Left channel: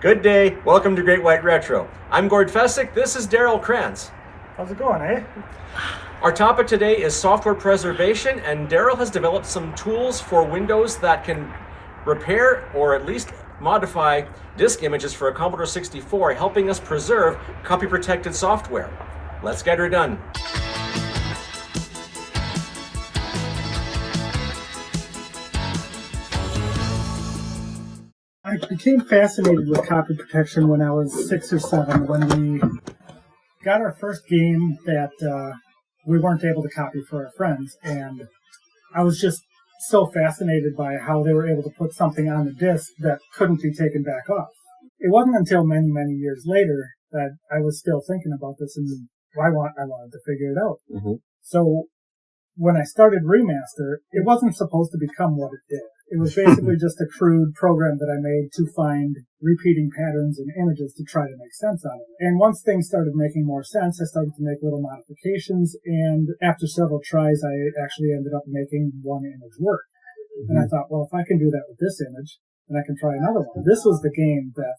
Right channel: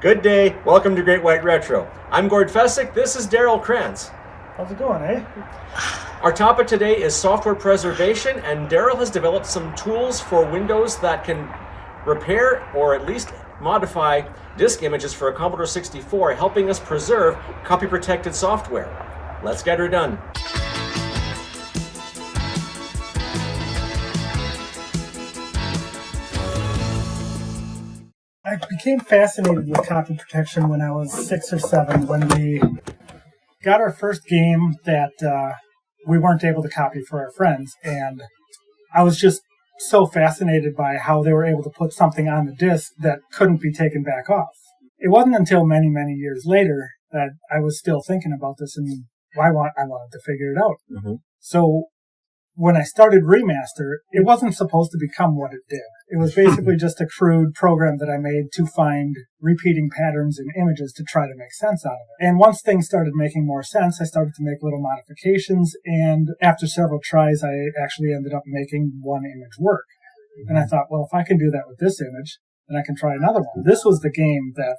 Good day, welcome to Great White Retro. I'm Gord Fessick, this is Daryl Krans. How's it going, eh? Our topic today is software preservation, and Daryl has developed some tools for Windows that can repair or at least modify disk images for a Commodore 64, helping us preserve copy-protected software. Let's get her done. I became fascinated with copy protection when I was 6 or 7, when we got our first game that we weren't able to copy for our friends. And I was just so fascinated by how they were able to put something on the disc that couldn't be taken back off. It wasn't until many, many years later that I was still thinking about this, and I wanted to figure it out. Mm-hmm. So when I started ReMaster, it wasn't supposed to become what it did. It was basically just a crude program that I made to find repeating patterns in images to try to make sense out of it. And once things started making more sense, I started to make little modifications, and after several tries, I actually ended up making one image work. Mm-hmm. And I thought, well, if I can do that with this image, then I can try another one. This was the game that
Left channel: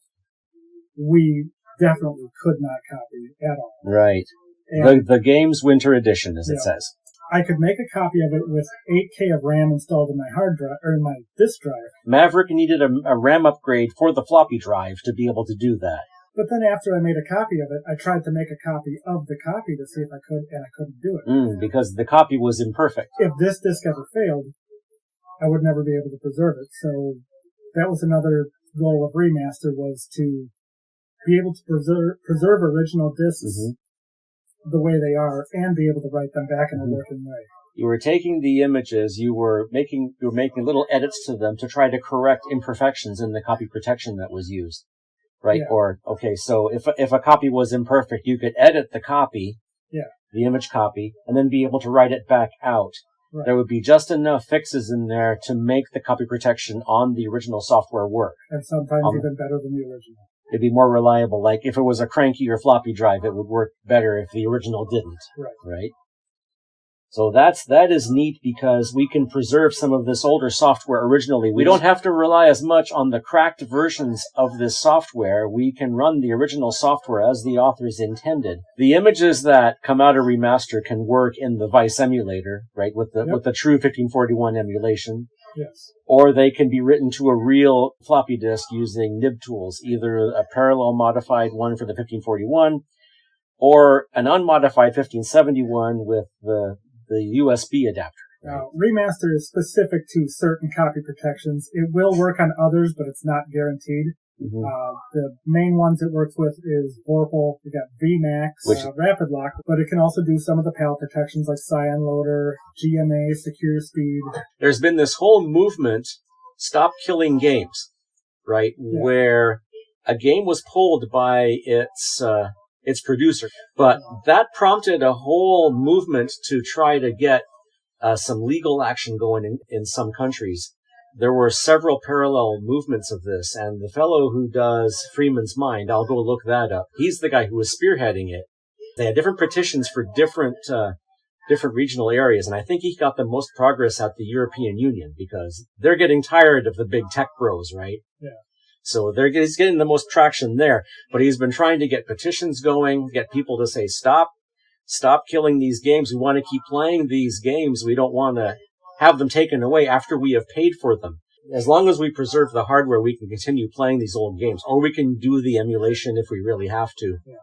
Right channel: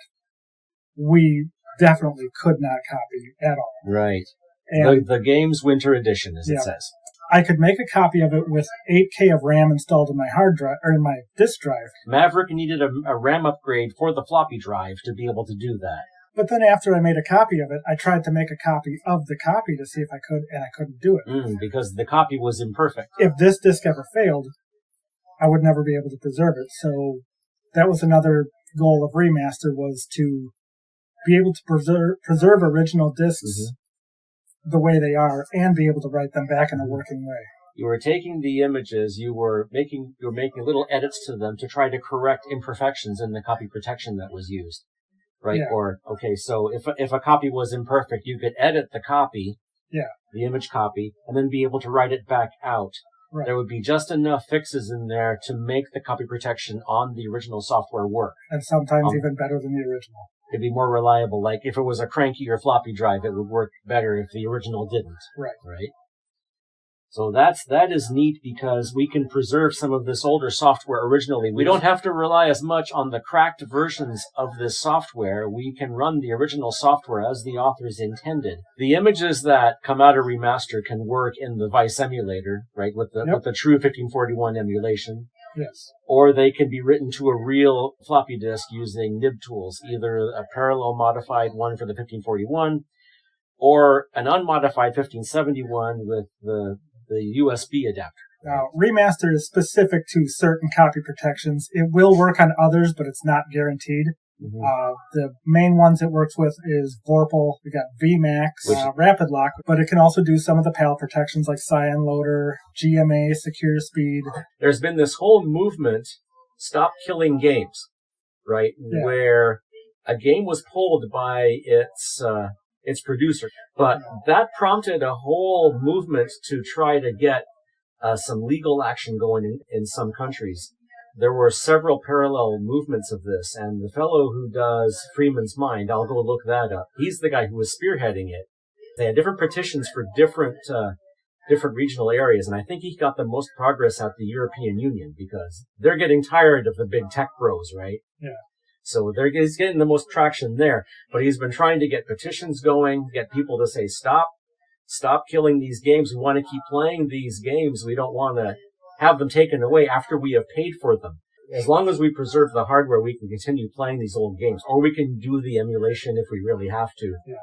we definitely could not copy at all. Right. And the game's Winter Edition, as it says. I could make a copy of it with 8K of RAM installed in my hard drive or in my disk drive. Maverick needed a RAM upgrade for the floppy drive to be able to do that. But then after I made a copy of it, I tried to make a copy of the copy to see if I could, and I couldn't do it. Because the copy was imperfect. If this disk ever failed, I would never be able to preserve it. So that was another goal of ReMaster, was to be able to preserve original disks the way they are and be able to write them back in a working way. You were taking the images, you were making little edits to them to try to correct imperfections in the copy protection that was used, right? Yeah. So if a copy was imperfect, you could edit the copy, the image copy, and then be able to write it back out. Right. There would be just enough fixes in there to make the copy protection on the original software work. And sometimes even better than the original. It'd be more reliable. Like if it was a cranky or floppy drive, it would work better if the original didn't. Right? So that is neat, because we can preserve some of this older software originally. We don't have to rely as much on the cracked versions of this software. We can run the original software as the authors intended. The images that come out of ReMaster can work in the Vice emulator, right? With the true 1541 emulation. Yes. Or they can be written to a real floppy disk using nib tools, either a parallel modified one for the 1541 or an unmodified 1571 with the USB adapter. Now, ReMaster is specific to certain copy protections. It will work on others, but it's not guaranteed. The main ones it works with is Vorpal. We got VMAX, Rapid Lock, but it can also do some of the PAL protections like Cyan Loader, GMA, Secure Speed. There's been this whole movement, Stop Killing Games, right? Yeah. Where a game was pulled by its producer, but that prompted a whole movement to try to get some legal action going in some countries. There were several parallel movements of this, and the fellow who does Freeman's Mind, I'll go look that up. He's the guy who was spearheading it. They had different petitions for different regional areas, and I think he got the most progress at the European Union, because they're getting tired of the big tech bros, right? Yeah. So he's getting the most traction there, but he's been trying to get petitions going, get people to say, stop killing these games. We want to keep playing these games. We don't want to have them taken away after we have paid for them. As long as we preserve the hardware, we can continue playing these old games, or we can do the emulation if we really have to. Yeah.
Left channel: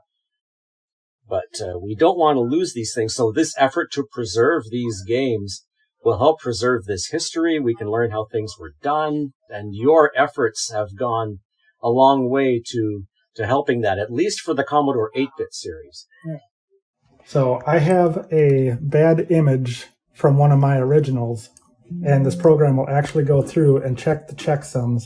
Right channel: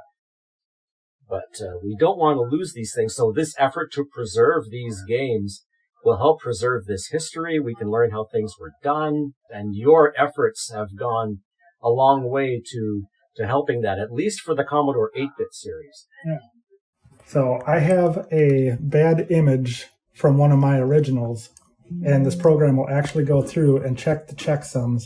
But we don't want to lose these things. So this effort to preserve these games will help preserve this history. We can learn how things were done, and your efforts have gone a long way to helping that, at least for the Commodore 8-bit series. Yeah. So I have a bad image from one of my originals, and this program will actually go through and check the checksums,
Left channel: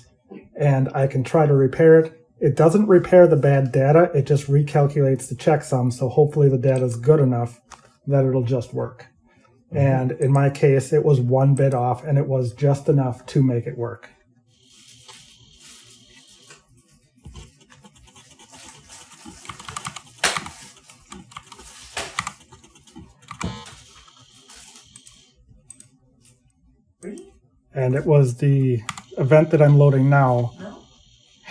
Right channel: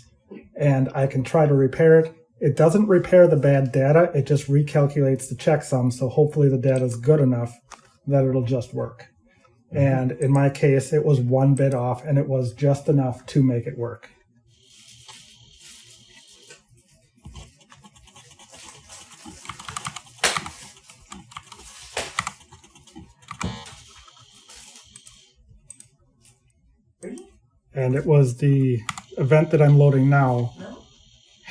and I can try to repair it. It doesn't repair the bad data, it just recalculates the checksum, so hopefully the data is good enough that it'll just work. And in my case, it was 1 bit off, and it was just enough to make it work. And it was the event that I'm loading now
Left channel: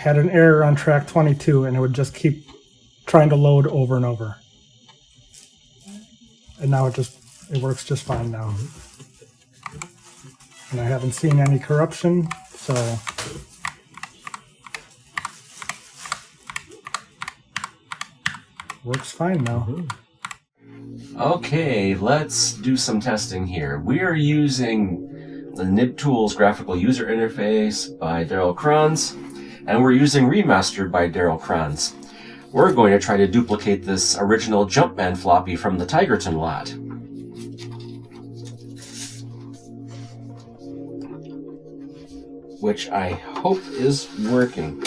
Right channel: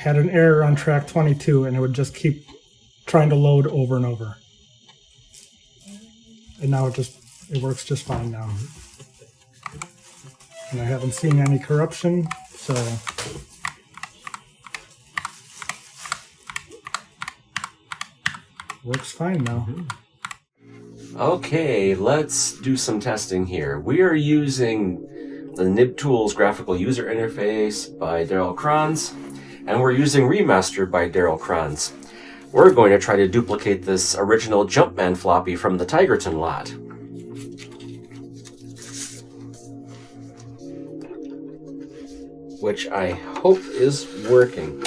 had an error on track 22, and it would just keep trying to load over and over. And now it works just fine now. And I haven't seen any corruption, so works fine now. Okay, let's do some testing here. We are using the NibTools graphical user interface by Daryl Krans, and we're using ReMaster by Daryl Krans. We're going to try to duplicate this original Jumpman floppy from the Tigerton lot. Which I hope is working.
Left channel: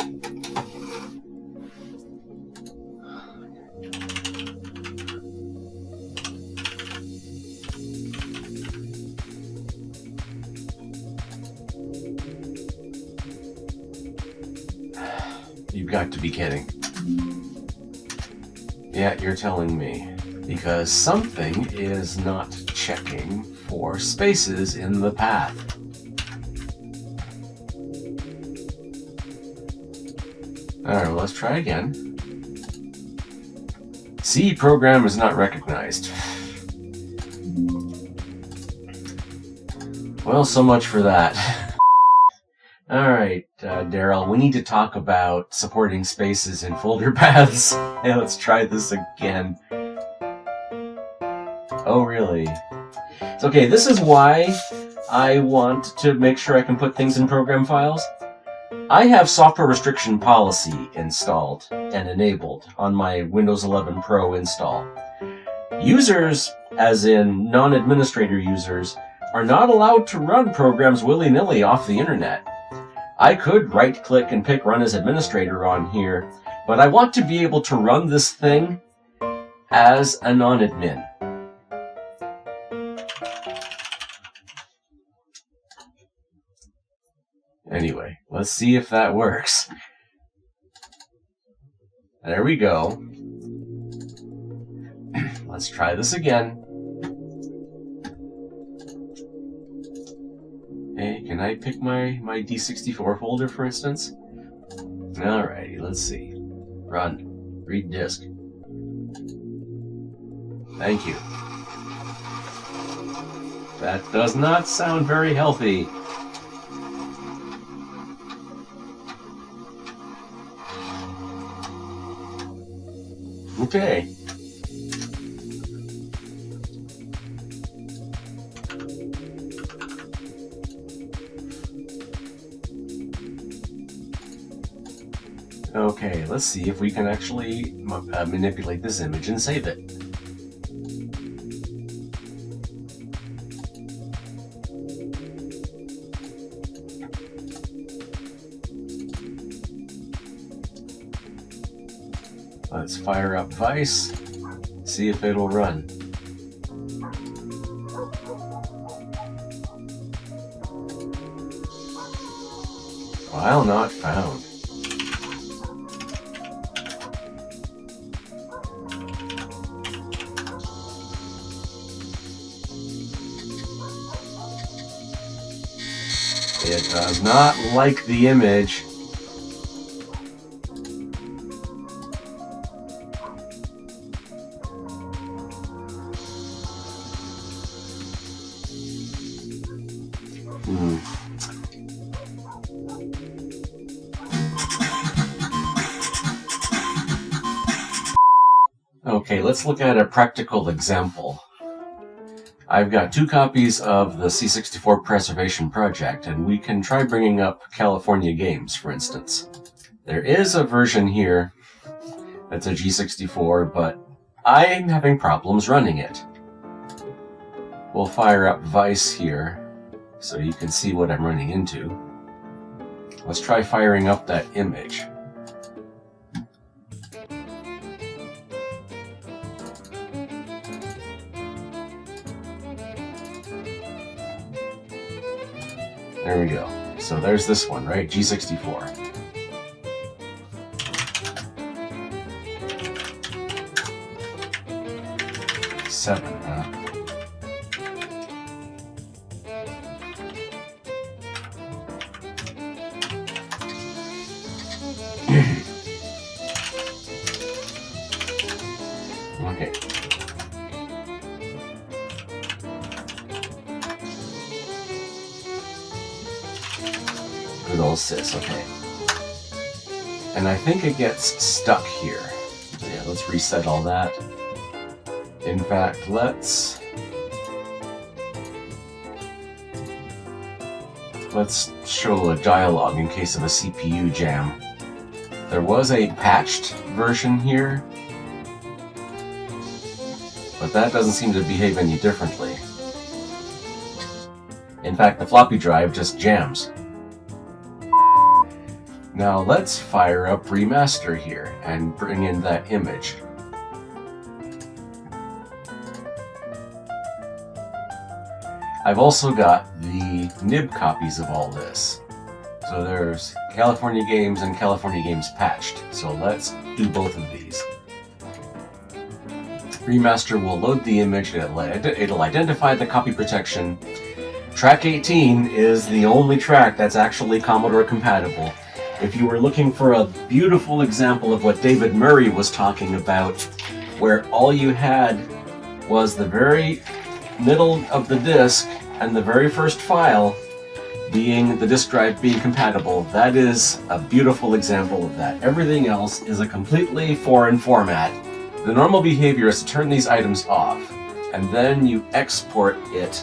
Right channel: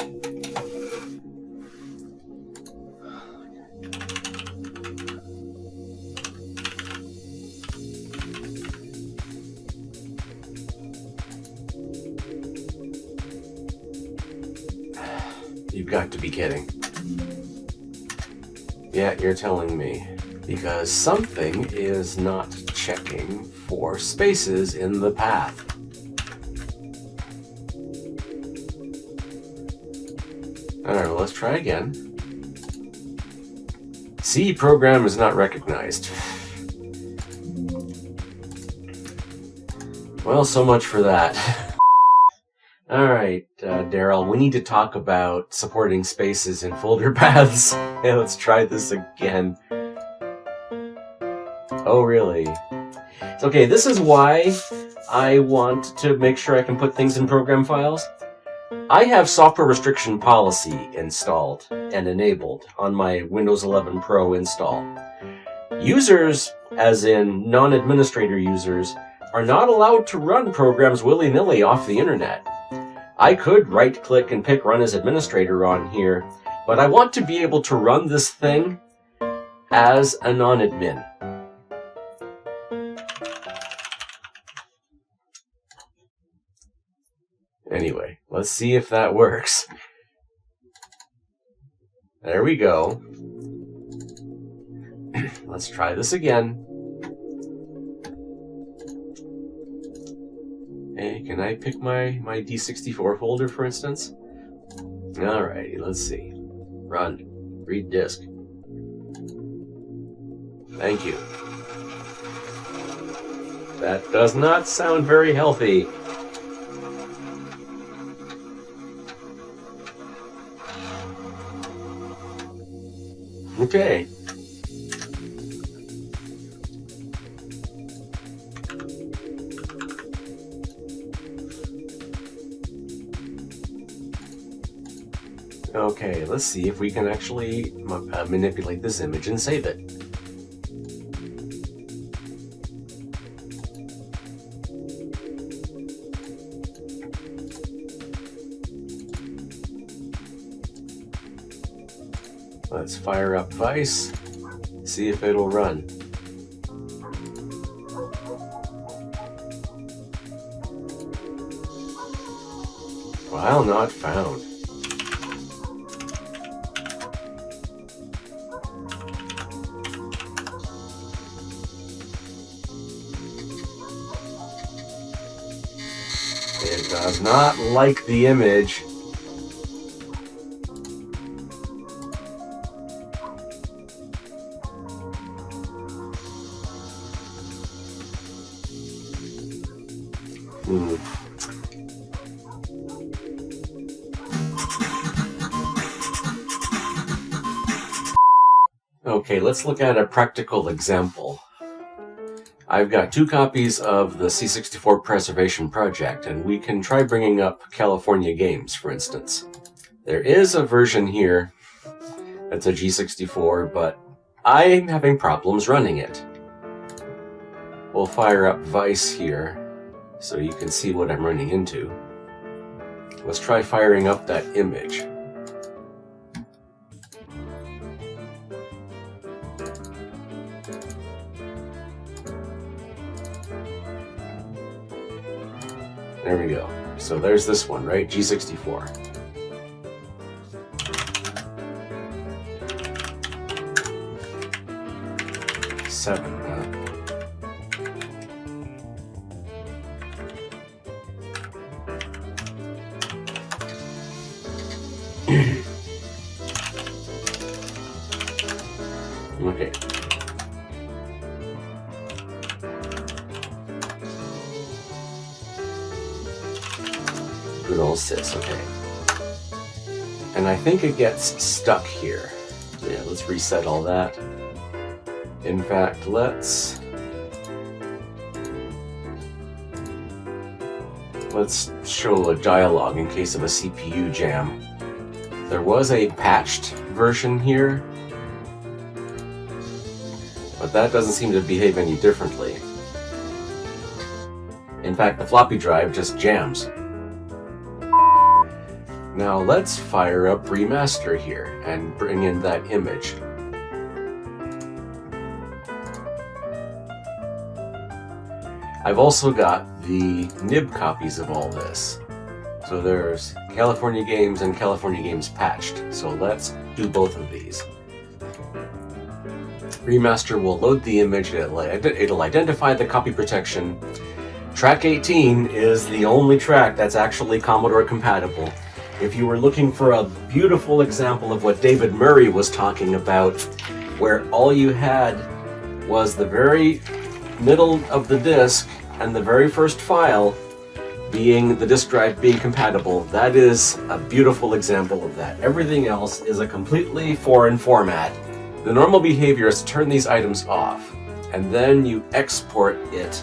You've got to be kidding. Yeah, you're telling me. Because something is not checking for spaces in the path. Alright, well, let's try again. C program is not recognized. Well, so much for that. Alright, Daryl, we need to talk about supporting spaces in folder paths. Yeah, let's try this again. Oh, really? It's okay, this is why I want to make sure I can put things in program files. I have software restriction policy installed and enabled on my Windows 11 Pro install. Users, as in non-administrator users, are not allowed to run programs willy-nilly off the internet. I could right-click and pick Run as Administrator on here, but I want to be able to run this thing as a non-admin. Anyway, let's see if that works. There we go. Let's try this again. Hey, can I pick my D64 folder, for instance? Alrighty, let's see. Run. Read disk. Thank you. That does not sound very healthy. Okay. Okay, let's see if we can actually manipulate this image and save it. Let's fire up Vice, see if it'll run. File not found. It does not like the image. Okay, let's look at a practical example. I've got 2 copies of the C64 Preservation Project, and we can try bringing up California Games, for instance. There is a version here that's a G64, but I'm having problems running it. We'll fire up Vice here, so you can see what I'm running into. Let's try firing up that image. There we go. So there's this one, right? G64. Seven, huh? internal sys, okay. And I think it gets stuck here. So yeah, let's reset all that. In fact, let's show a dialogue in case of a CPU jam. There was a patched version here, but that doesn't seem to behave any differently. In fact, the floppy drive just jams. Now let's fire up ReMaster here and bring in that image. I've also got the nib copies of all this. So there's California Games and California Games patched. So let's do both of these. ReMaster will load the image, it'll identify the copy protection. Track 18 is the only track that's actually Commodore compatible. If you were looking for a beautiful example of what David Murray was talking about, where all you had was the very middle of the disk and the very first file being the disk drive being compatible, that is a beautiful example of that. Everything else is a completely foreign format. The normal behavior is to turn these items off, and then you export it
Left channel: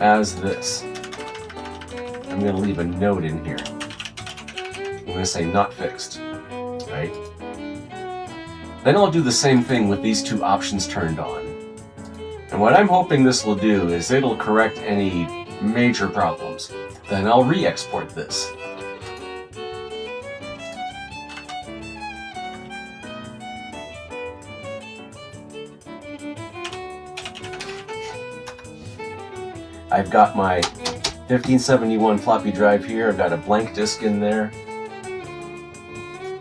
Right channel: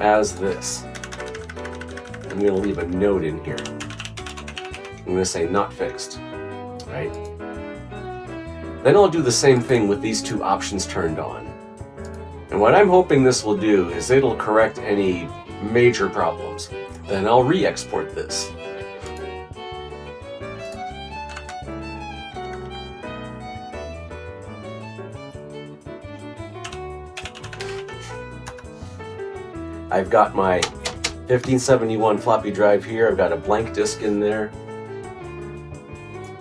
as this. I'm going to leave a note in here. I'm going to say not fixed, right? Then I'll do the same thing with these two options turned on. And what I'm hoping this will do is it'll correct any major problems. Then I'll re-export this. I've got my 1571 floppy drive here. I've got a blank disk in there.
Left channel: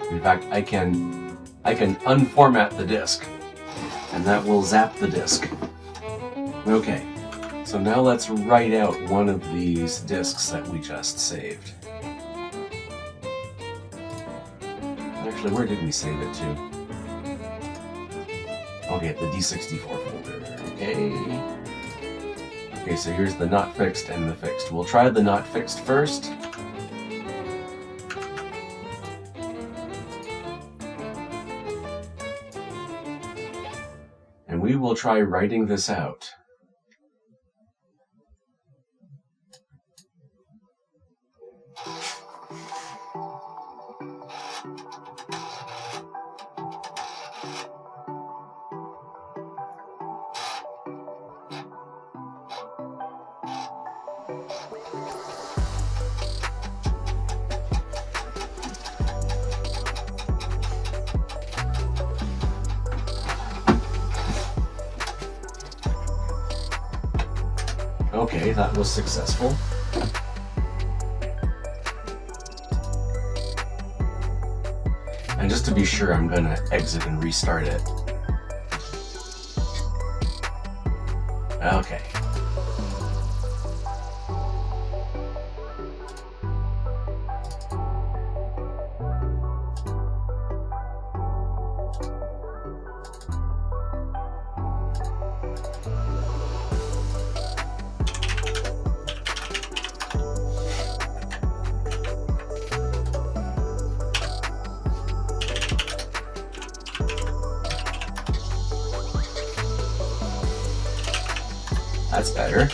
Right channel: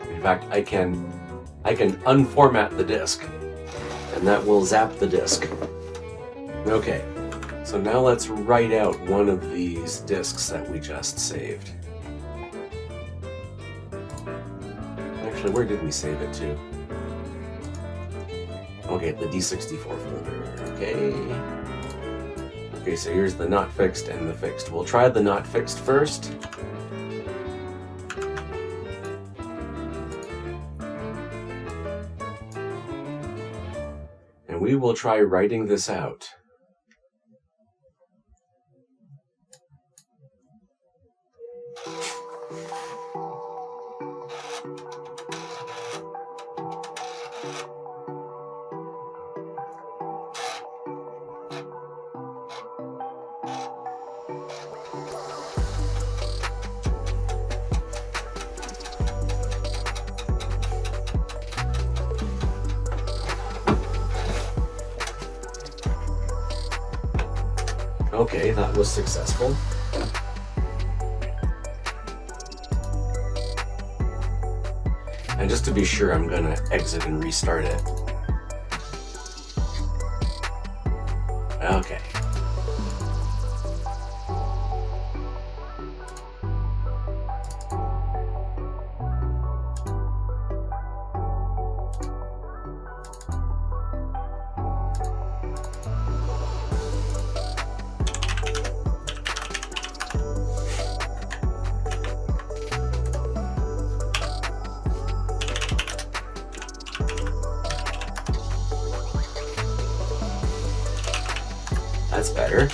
In fact, I can unformat the disk, and that will zap the disk. Okay, so now let's write out one of these disks that we just saved. Actually, where did we save it to? Okay, the D64 folder. Okay, so here's the not fixed and the fixed. We'll try the not fixed first. And we will try writing this out. Okay, that was successful. And just to be sure, I'm going to exit and restart it. Okay. That's better.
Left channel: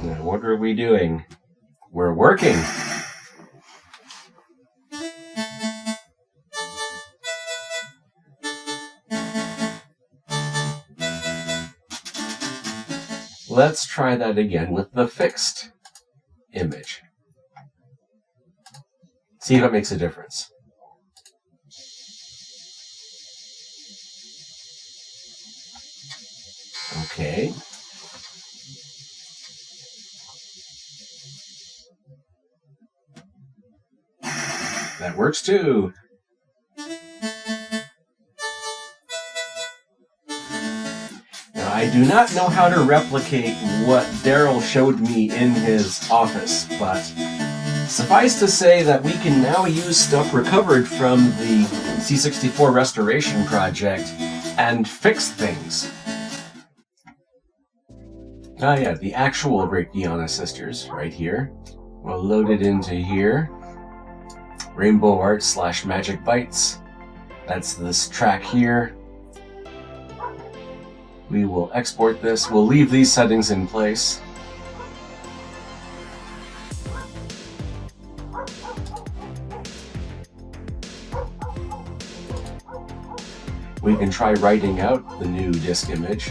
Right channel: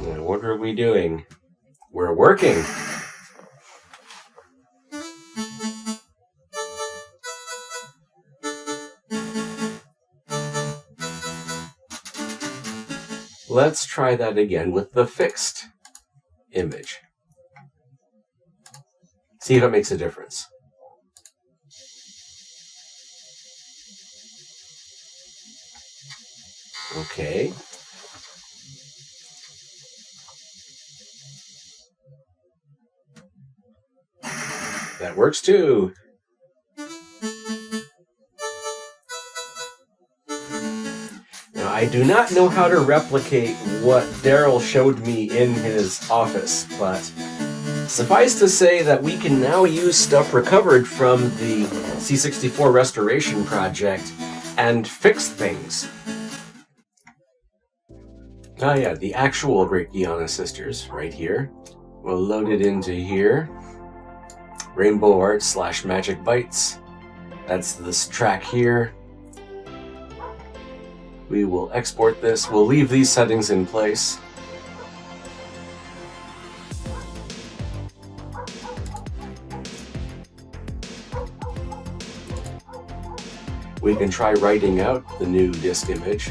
Now, what are we doing? We're working. Let's try that again with the fixed image. See if it makes a difference. Okay. That works too. Now, I do not know how to replicate what Daryl showed me in his office, but Suffice to say that we can now use stuff recovered from the C64 restoration project and fix things. Oh yeah, the actual Great Guiana Sisters, right here. We'll load it into here. Rainbow Art / Magic Bytes. That's this track here. We will export this. We'll leave these settings in place. We can try writing out the new disk image.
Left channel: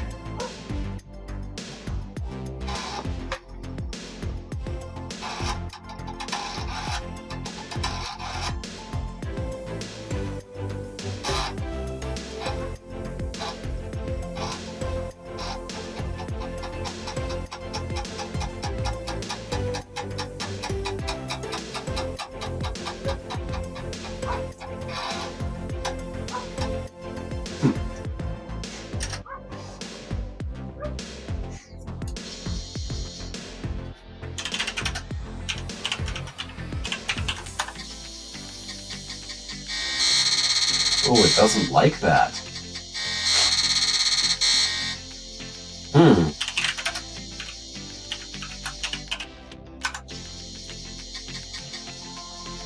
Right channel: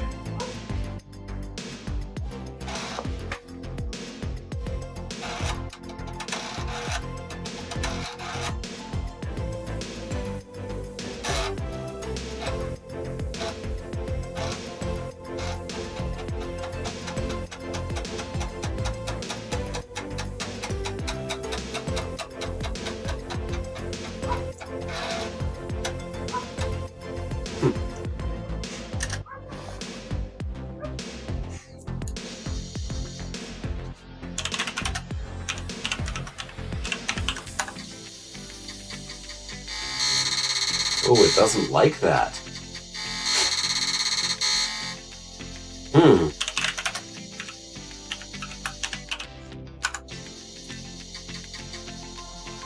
Oh, it doesn't like that.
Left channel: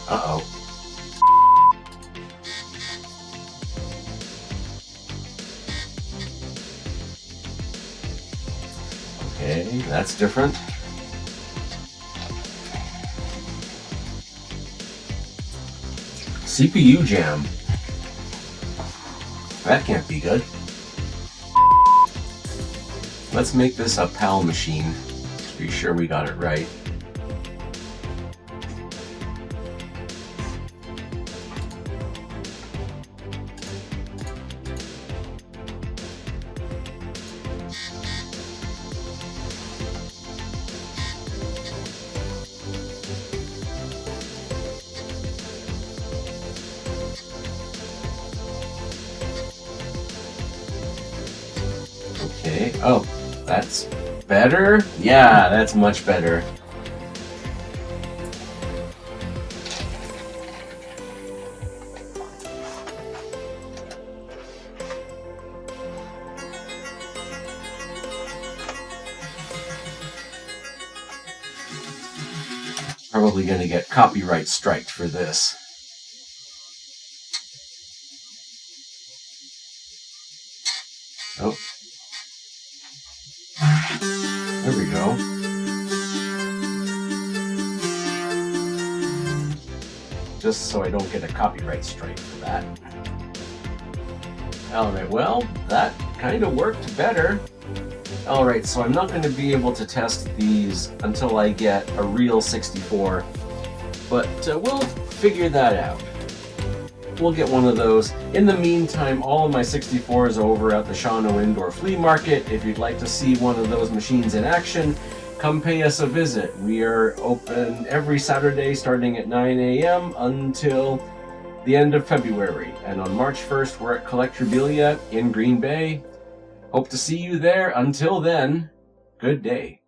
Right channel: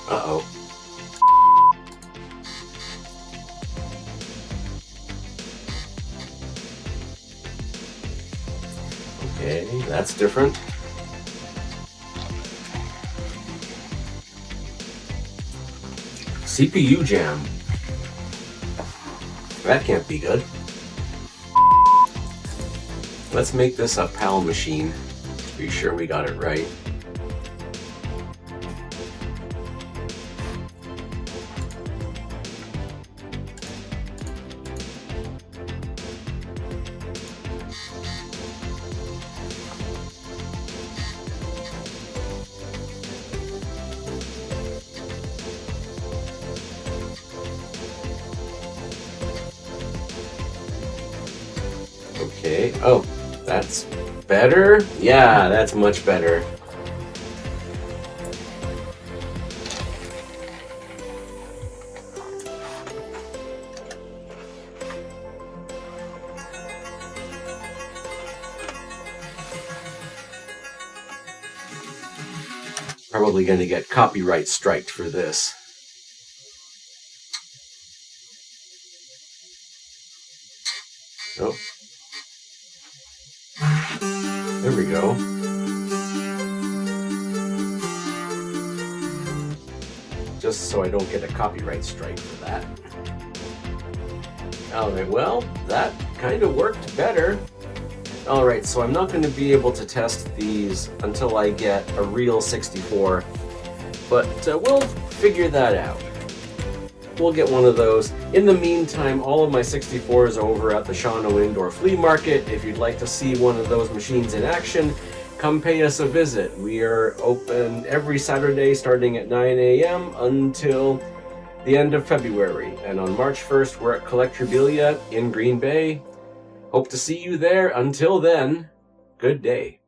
Uh-oh. Okay, that's different. CPU jam. That can't be good. Let's make this a PAL machine. Be sure we got it right. Okay, oh, that's better? Yeah, that's much better. Probably going to get copyright striked for this. Oh. There we go. Just so I don't get a copyright strike for that. Alright, well, that kind of worked better. Alright, so I'm not going to be able to test these until I get a real 64, but we'll figure that out. We'll get one of those. In the meantime, all of my 64s are over at the Shawano Indoor Flea Market. If you'd like to see one of those machines in action, come pay us a visit. We are open every Saturday starting at 9 a.m. until the end of February. And on March 1st, we're at Collectorabilia in Green Bay. Hope to see you there. Until then, good day.